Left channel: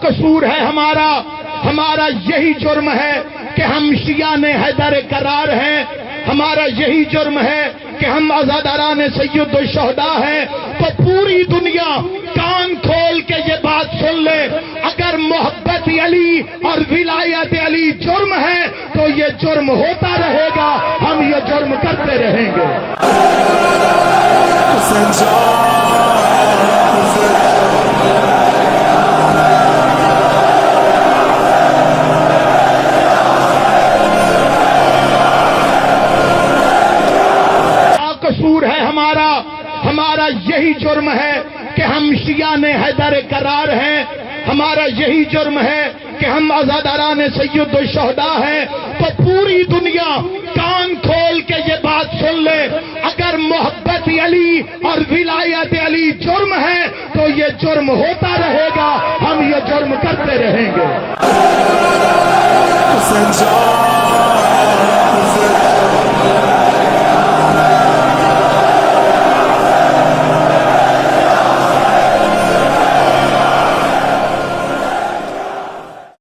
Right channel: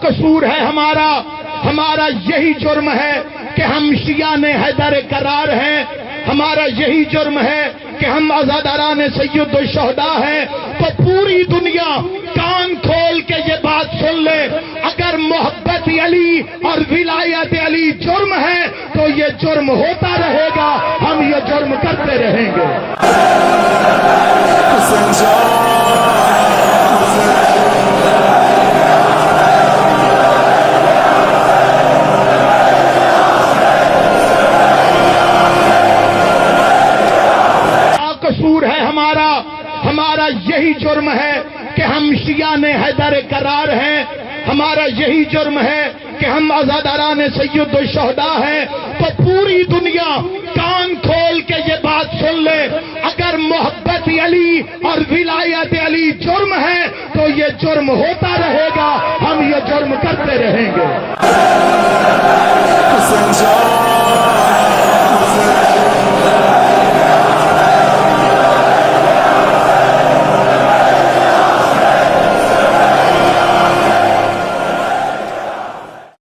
قصور ہے ہمارا یہی جرم ہے کہ ہم شیعان حیدر قرار ہیں، ہمارا یہی جرم ہے کہ ہم عزاداران سید الشہداء ہیں۔ تو پوری دنیا کان کھول کے یہ بات سن لے، اگر محبت علی اور ولایت علی جرم ہے تو یہ جرم ہوتا رہے گا، ہم یہ جرم کرتے رہیں گے۔ قصور ہے ہمارا یہی جرم ہے کہ ہم شیعان حیدر قرار ہیں، ہمارا یہی جرم ہے کہ ہم عزاداران سید الشہداء ہیں۔ تو پوری دنیا کان کھول کے یہ بات سن لے، اگر محبت علی اور ولایت علی جرم ہے تو یہ جرم ہوتا رہے گا، ہم یہ جرم کرتے رہیں گے۔